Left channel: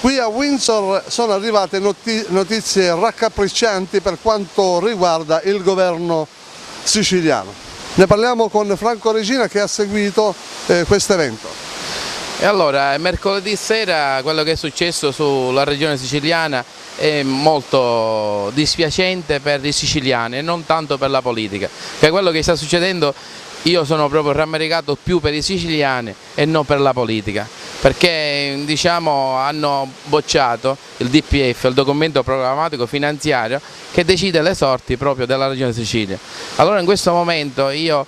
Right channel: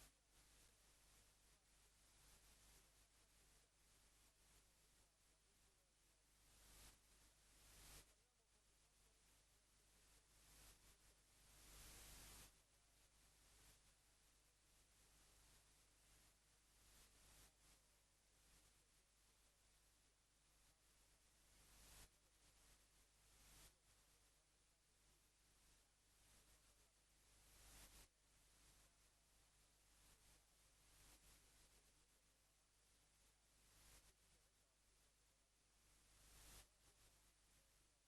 Qui a Windsor sono arrivate notizie raccapriccianti per quanto riguarda il governo siciliano. Ne parliamo con Franco Regina che ha seguito questo evento. E allora, mercoledì sera quello che è successo sulla regione siciliana è molto dispiacente per i siciliani e non tanto per la politica, che quello che sta succedendo io sono proprio rammaricato più per i siciliani e non per la politica, perché diciamo, hanno bocciato il DPF, il documento programmatico finanziario che decide le sorti proprio della regione Sicilia. Allora in questo momento io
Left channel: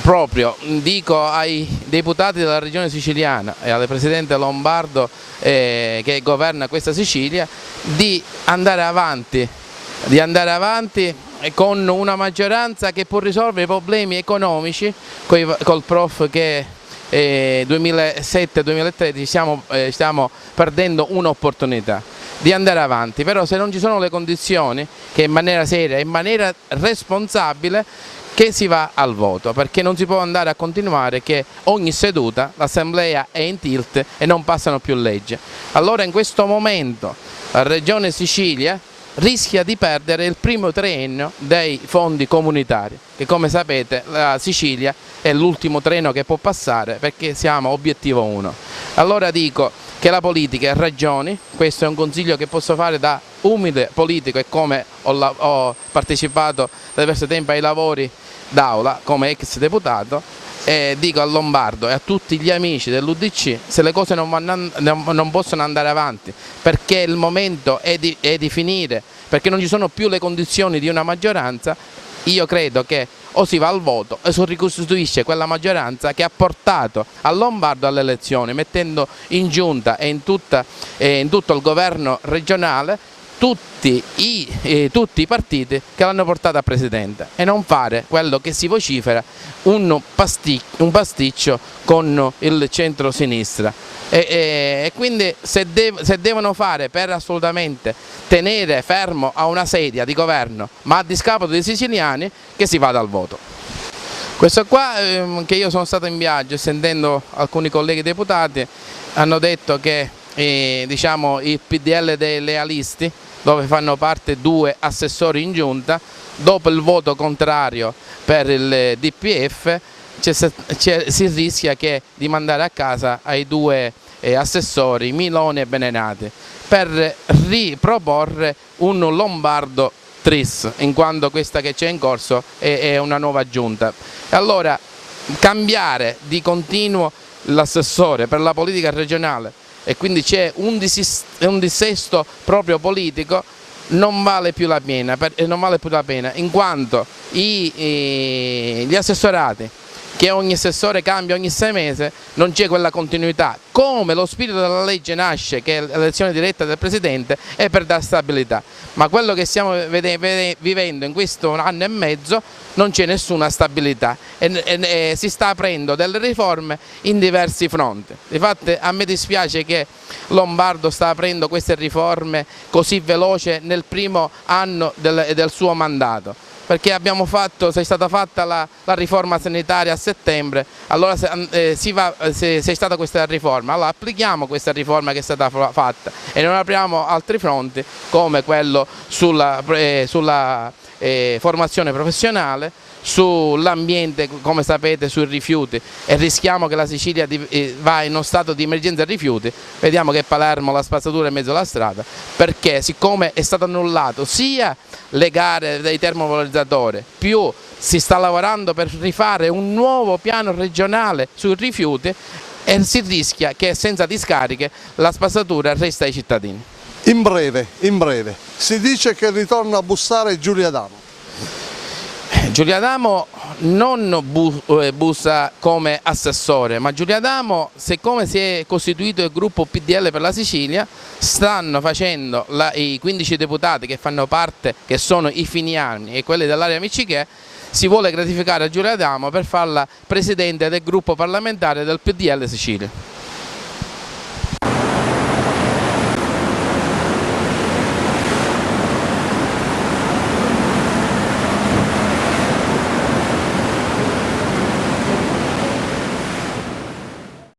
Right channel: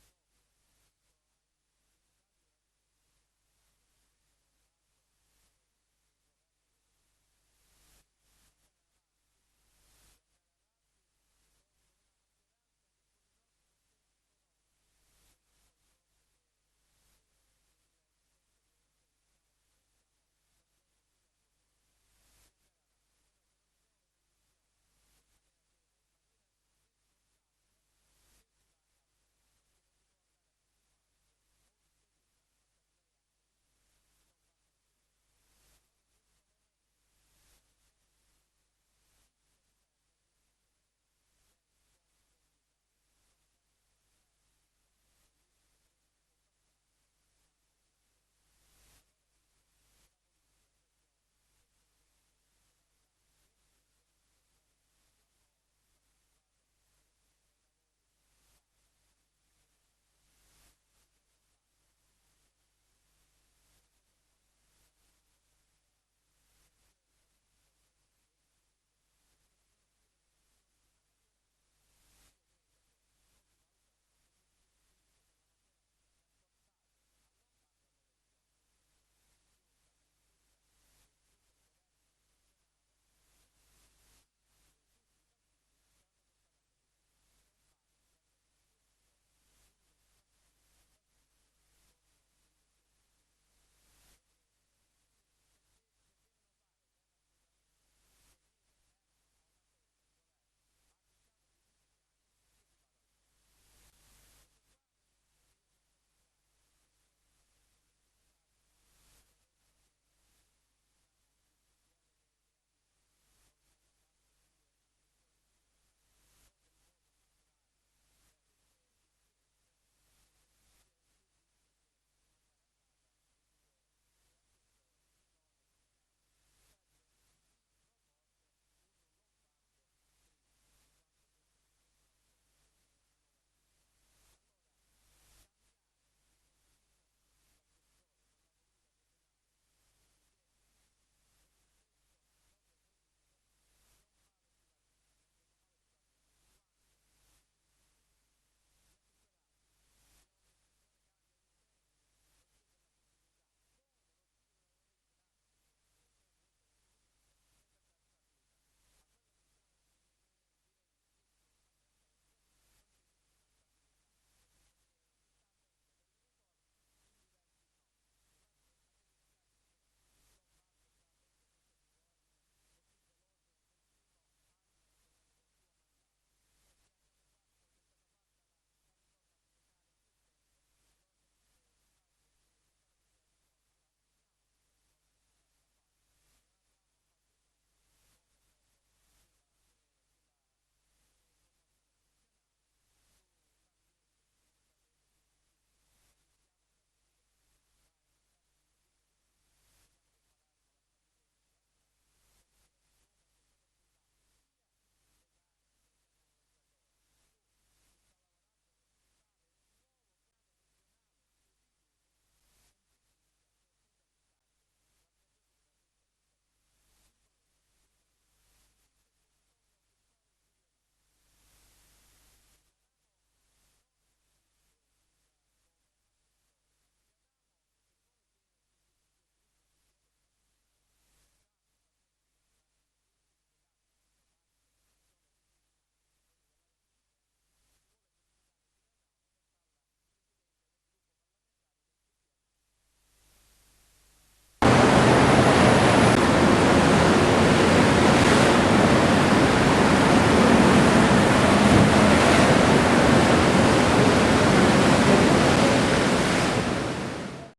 proprio dico ai deputati della regione siciliana e al presidente Lombardo che governa questa Sicilia di andare avanti con una maggioranza che può risolvere i problemi economici col prof che 2007-2013 stiamo perdendo un'opportunità di andare avanti, però se non ci sono le condizioni che in maniera seria, in maniera responsabile che si va al voto, perché non si può andare a continuare che ogni seduta l'assemblea è in tilt e non passano più leggi. Allora in questo momento la regione Sicilia rischia di perdere il primo triennio dei fondi comunitari, che come sapete la Sicilia è l'ultimo treno che può passare perché siamo obiettivo 1. Allora dico che la politica ha ragioni, questo è un consiglio che posso fare da umile politico e come ho partecipato da diverso tempo ai lavori d'aula come ex deputato, dico a Lombardo e a tutti gli amici dell'UDC se le cose non possono andare avanti, perché il momento è di finire, perché non ci sono più le condizioni di una maggioranza. Io credo che o si va al voto e si ricostituisce quella maggioranza che ha portato a Lombardo alle elezioni, mettendo in giunta e in tutto il governo regionale tutti i partiti che l'hanno portata a presidente, e non fare quello che si vocifera, un pasticcio con il centro-sinistra. E quindi se devono fare per assolutamente tenere fermo a una sedia di governo, ma a discapito dei siciliani, che si vada al voto. Questo qua che io sono stato in viaggio sentendo alcuni colleghi deputati hanno detto che diciamo, il PDL dei lealisti, dove fanno parte 2 assessori in giunta, dopo il voto contrario per il DPF si rischia di mandare a casa ai 2 assessori Milone e Benenati per riproporre un Lombardo tris, in quanto questa che c'è in corso è una nuova giunta. Allora cambiare di continuo l'assessore per la politica regionale e quindi c'è un dissesto proprio politico, non vale più la pena, in quanto gli assessorati, che ogni assessore cambia ogni 6 mesi, non c'è quella continuità. Come lo spirito della legge nasce, che è l'elezione diretta del Presidente, è per dare stabilità. Ma quello che stiamo vivendo in questo anno e mezzo non c'è nessuna stabilità e si sta aprendo delle riforme in diversi fronti. Infatti a me dispiace che Lombardo sta aprendo queste riforme così veloce nel primo anno del suo mandato, perché c'è stata fatta la riforma sanitaria a settembre, allora c'è stata questa riforma, allora applichiamo questa riforma che è stata fatta e non apriamo altri fronti come quello sulla formazione professionale, sull'ambiente, come sapete, sui rifiuti, e rischiamo che la Sicilia va in uno stato di emergenza rifiuti. Vediamo che Palermo la spazzatura è in mezzo alla strada, perché siccome è stato annullato sia le gare dei termovalorizzatori, più si sta lavorando per rifare un nuovo piano regionale sui rifiuti, e si rischia che senza discariche la spazzatura resta ai cittadini. In breve, si dice che ritorna a bussare Giulia Adamo. Giulia Adamo non bussa come assessore, ma Giulia Adamo, siccome si è costituito il gruppo PDL per la Sicilia, stanno facendo i 15 deputati che fanno parte, che sono i finiani e quelli dell'area Miccichè, si vuole gratificare a Giulia Adamo per farla presidente del gruppo parlamentare del PDL Sicilia.